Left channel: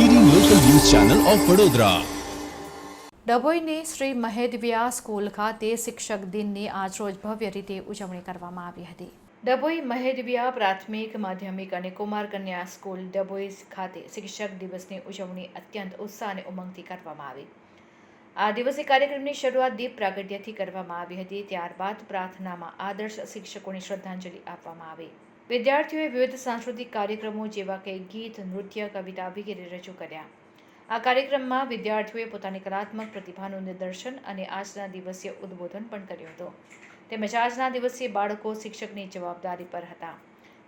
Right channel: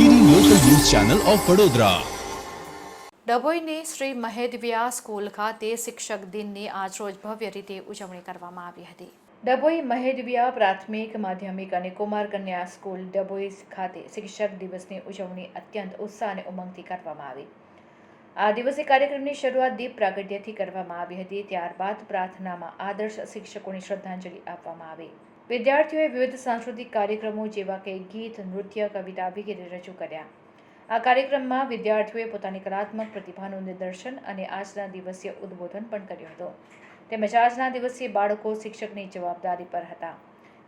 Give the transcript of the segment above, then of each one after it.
Channel of Vadodara ડભોઈની Shri Mahedaviya school ખાતે શિક્ષક દિનની આજરોજ ભવ્ય રીતે ઉજવણી કરવામાં આવી હતી. ડભોઈ મહેદવિયા પ્રાથમિક માધ્યમિક અને કુમાર કન્યા સ્કૂલ ડભોઈ ખાતે શિક્ષક દિવસની ઉજવણી અત્યંત ઉત્સાહ અને ઉમંગથી કરવામાં આવી. આ દિવસે કાર્યક્રમની શરૂઆત દીપ પ્રાગટ્યથી કરવામાં આવી હતી. ત્યારબાદ પ્રાર્થનામાં આદર્શ શિક્ષકોની શ્રદ્ધાંજલિ આપવામાં આવી. વિદ્યાર્થીઓએ વિવિધ સાંસ્કૃતિક કાર્યક્રમો જેવા કે ગીત, નૃત્ય, કવિતા વગેરે રજૂ કર્યા. આ કાર્યક્રમમાં વિદ્યાર્થીઓએ પોતાની કલાત્મક પ્રતિભાનું નિદર્શન અને આજના દિવસીય ઉદ્બોધન પણ કર્યું હતું. તેમજ આજના દિવસીય બાળકો શિક્ષકની જવાબદારી પર હતા.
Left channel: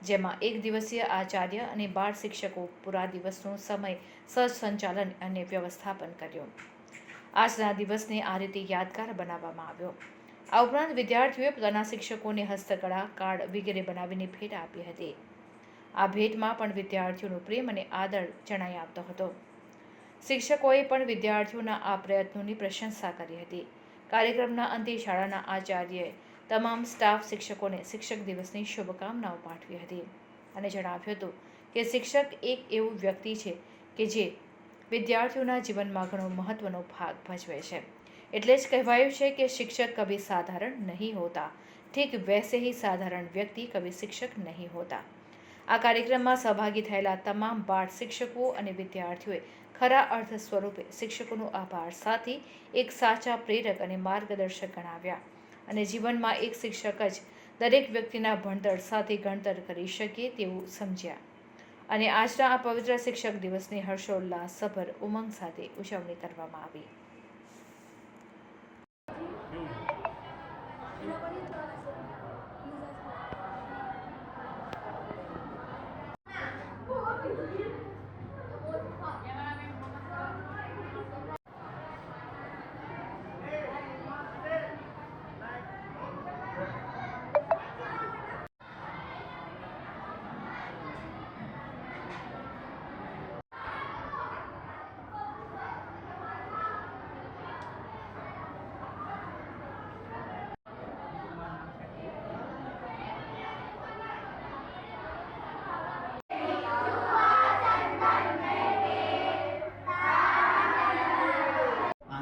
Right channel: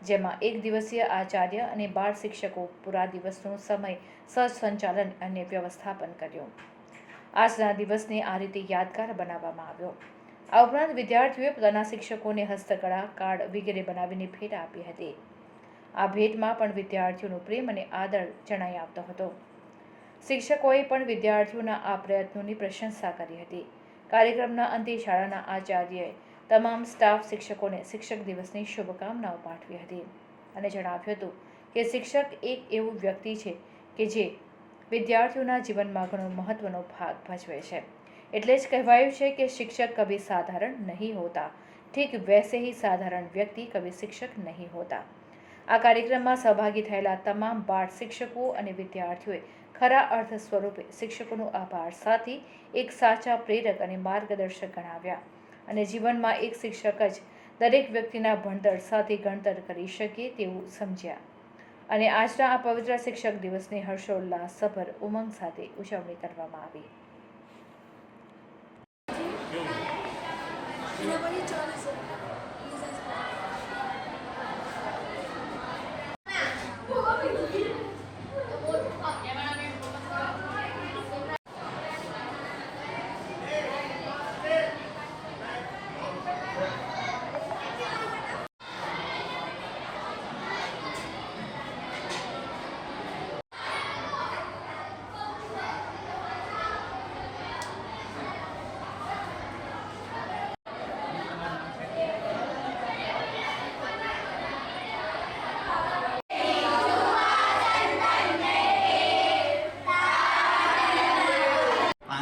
જેમાં એક દિવસીય આચાર્ય અને બાળ શિક્ષકો પૂરા દિવસનો સમય સહસંચાલન અને વ્યવસ્થાપન કર્યું. આજના દિવસને આ રીતે યાદગાર બનાવવામાં આવ્યો. આ ઉપરાંત વિદ્યાર્થીઓએ પોતાના શિક્ષકોને હસ્તકળા, કાર્ડ વગેરે બનાવીને ભેટ આપી હતી. આ ભેટમાં પણ વિદ્યાર્થીઓનો પ્રેમ અને આદર જણાઈ આવતો હતો. શિક્ષકોએ પણ વિદ્યાર્થીઓના આ પ્રયત્નોની પ્રશંસા કરી હતી. કાર્યક્રમના અંતે શાળાના આચાર્યએ તમામ સ્ટાફ શિક્ષકોને શિક્ષક દિવસની શુભકામનાઓ પાઠવી હતી અને જણાવ્યું હતું કે શિક્ષક એક એવું વ્યક્તિ છે કે જે વિદ્યાર્થીઓના જીવનમાં ઘણો મહત્ત્વનો ભાગ ભજવે છે. એટલે જ કહેવાયું છે કે શિક્ષક કભી સાધારણ નહીં હોતા. ઠીક વૈસે ही સાધારણ વ્યક્તિ કભી શિક્ષક નહીં હોતા. આ કાર્યક્રમમાં સહભાગી થયેલા તમામ બાળ શિક્ષકો અને વિદ્યાર્થીઓએ ખરા અર્થ સ્વરૂપે શિક્ષકોનો આભાર સાથી એક સાચા પ્રેરક અને માર્ગદર્શક ગણાવ્યા. અને જીવનમાં એક શિક્ષક જ દરેક વ્યક્તિના ભણતર સાથે ગણતર કરી શકે તેવું સમજ્યા. અને આજના આ પવિત્ર શિક્ષક દિવસની હર્ષોલ્લાસ સભર ઉમંગ સાથે ઉજવણી કરવામાં આવી.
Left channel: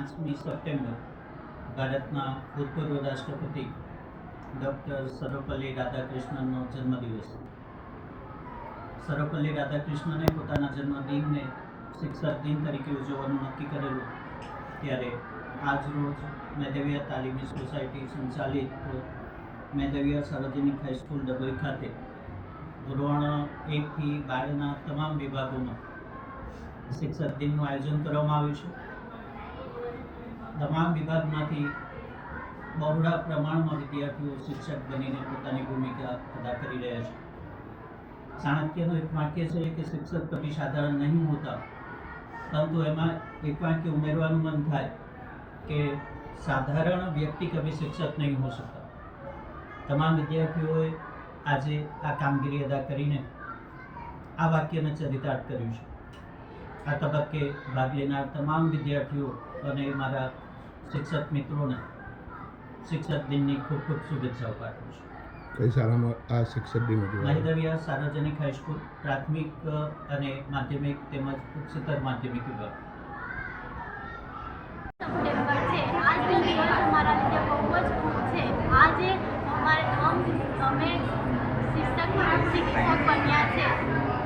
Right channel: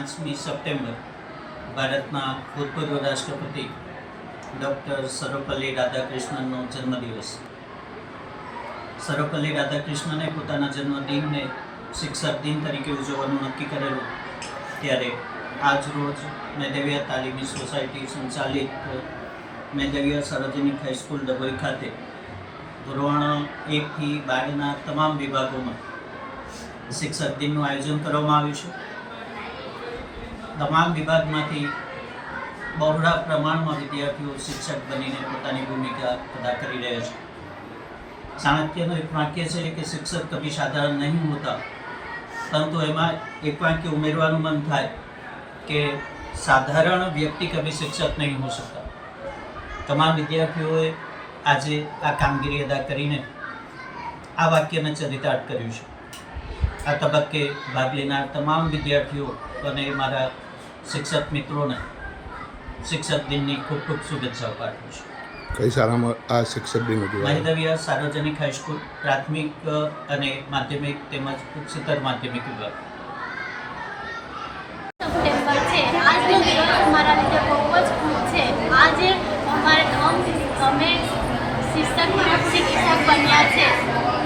પાંચમી સપ્ટેમ્બર ભારતના ભૂતપૂર્વ રાષ્ટ્રપતિ ડૉક્ટર સર્વપલ્લી રાધાકૃષ્ણનનો જન્મદિવસ. સર્વપલ્લી રાધાકૃષ્ણને પોતાના જન્મદિનને શિક્ષક દિન તરીકે ઉજવવાનું નક્કી કરેલું ત્યારે આજ રોજ મેદેવિયા તાલીમી સોસાયટી સંચાલિત મેદેવિયા સાર્વજનિક હાઈસ્કૂલ ડભોઈ ખાતે ધોરણ એકથી બારના તમામ વિભાગોમાં શિક્ષક દિનનું આયોજન કરવામાં આવ્યું છે. તમામ વિભાગમાંથી બહોળા પ્રમાણમાં વિદ્યાર્થીઓ શિક્ષક બનીને પોતાની ભૂમિકા અદા કરી રહ્યા છે. ચાણક્યનું એક વાક્ય છે કે શિક્ષક કભી સાધારણ નહીં હોતા, પરંતુ એમાં એક વાક્ય ઉમેરવાનું મન થાય કે સાધારણ વ્યક્તિ કભી શિક્ષક નહીં હો શકતા. તમામ વિદ્યાર્થીઓએ આજે આ કામગીરી અદા કરીને આ વાક્યને ચરિતાર્થ કર્યું છે. આ તબક્કે ભાગ લેનાર તમામ વિદ્યાર્થીઓ અને મારા શિક્ષક મિત્રોને શિક્ષક દિનની ખૂબ ખૂબ શુભેચ્છાઓ પાઠવું છું. કઈ શાળામાં આ શિક્ષક દિન ઉજવાય? મહિદવિયા સાર્વજનિક હાઈસ્કૂલ પ્રાથમિક અને માધ્યમિક તેમજ ઉચ્ચતર માધ્યમિક વિભાગ સપ્ટેમ્બર છે આજનો દિવસ અમારા લીધે બહુ જ ખૂબ છે આજે અમારે નવ અમે શિક્ષક શિક્ષક બન્યા છે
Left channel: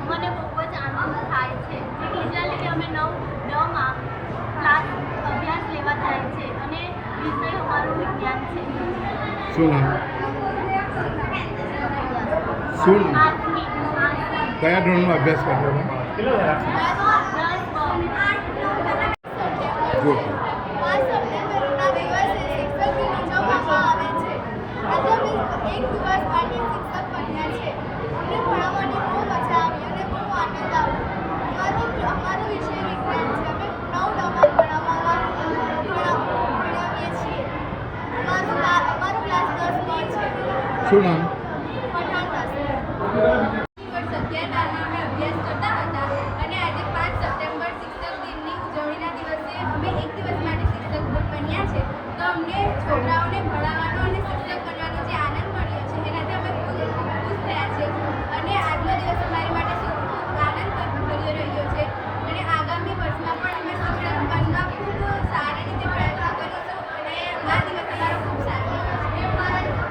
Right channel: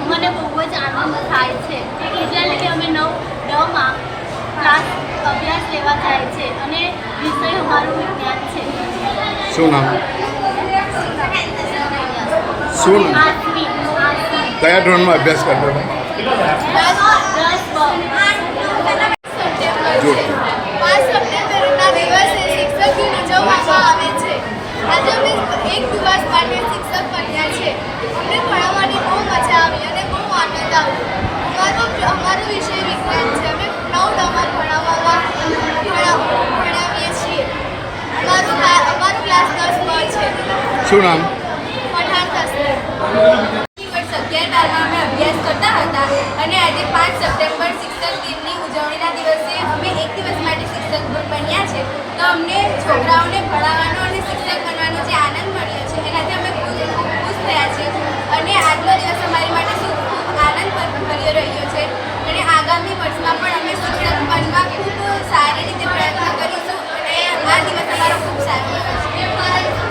મને બહુ જ આનંદ થાય છે એટલા લીધે અમે નવ નવમાં ક્લાસ અભ્યાસ લેવા જાય છે અને વિષય અમારું વિજ્ઞાન છે શું નામ? શું? કયા ધોરણમાં અભ્યાસ કરતો હતા? જો. આજે અમે એક દિવસ માટે શિક્ષક બન્યા છે. અમને ભણાવવાની બહુ મજા આવી અને બહુ આનંદ આવ્યો. અમારો અમારો વિષય શું નામ? અભ્યાસ કરતા હતા અને આજે પાંચ સપ્ટેમ્બર શિક્ષક દિનની ઉજવણીના દિવસે અમે એક દિવસ માટે શિક્ષક બન્યા છે તો અમને છોકરાઓને ભણાવવાનો અને શિક્ષક બનવાનો જે આનંદ મળ્યો છે એનાથી અમે ખૂબ ખૂબ ખુશ થયા છે અને આજનો દિવસ અમારી માટે શું ખૂબ આનંદ ભર્યો રહ્યો છે અને આગામી વર્ષમાં પણ અમે શિક્ષક બનવા ખૂબ સારી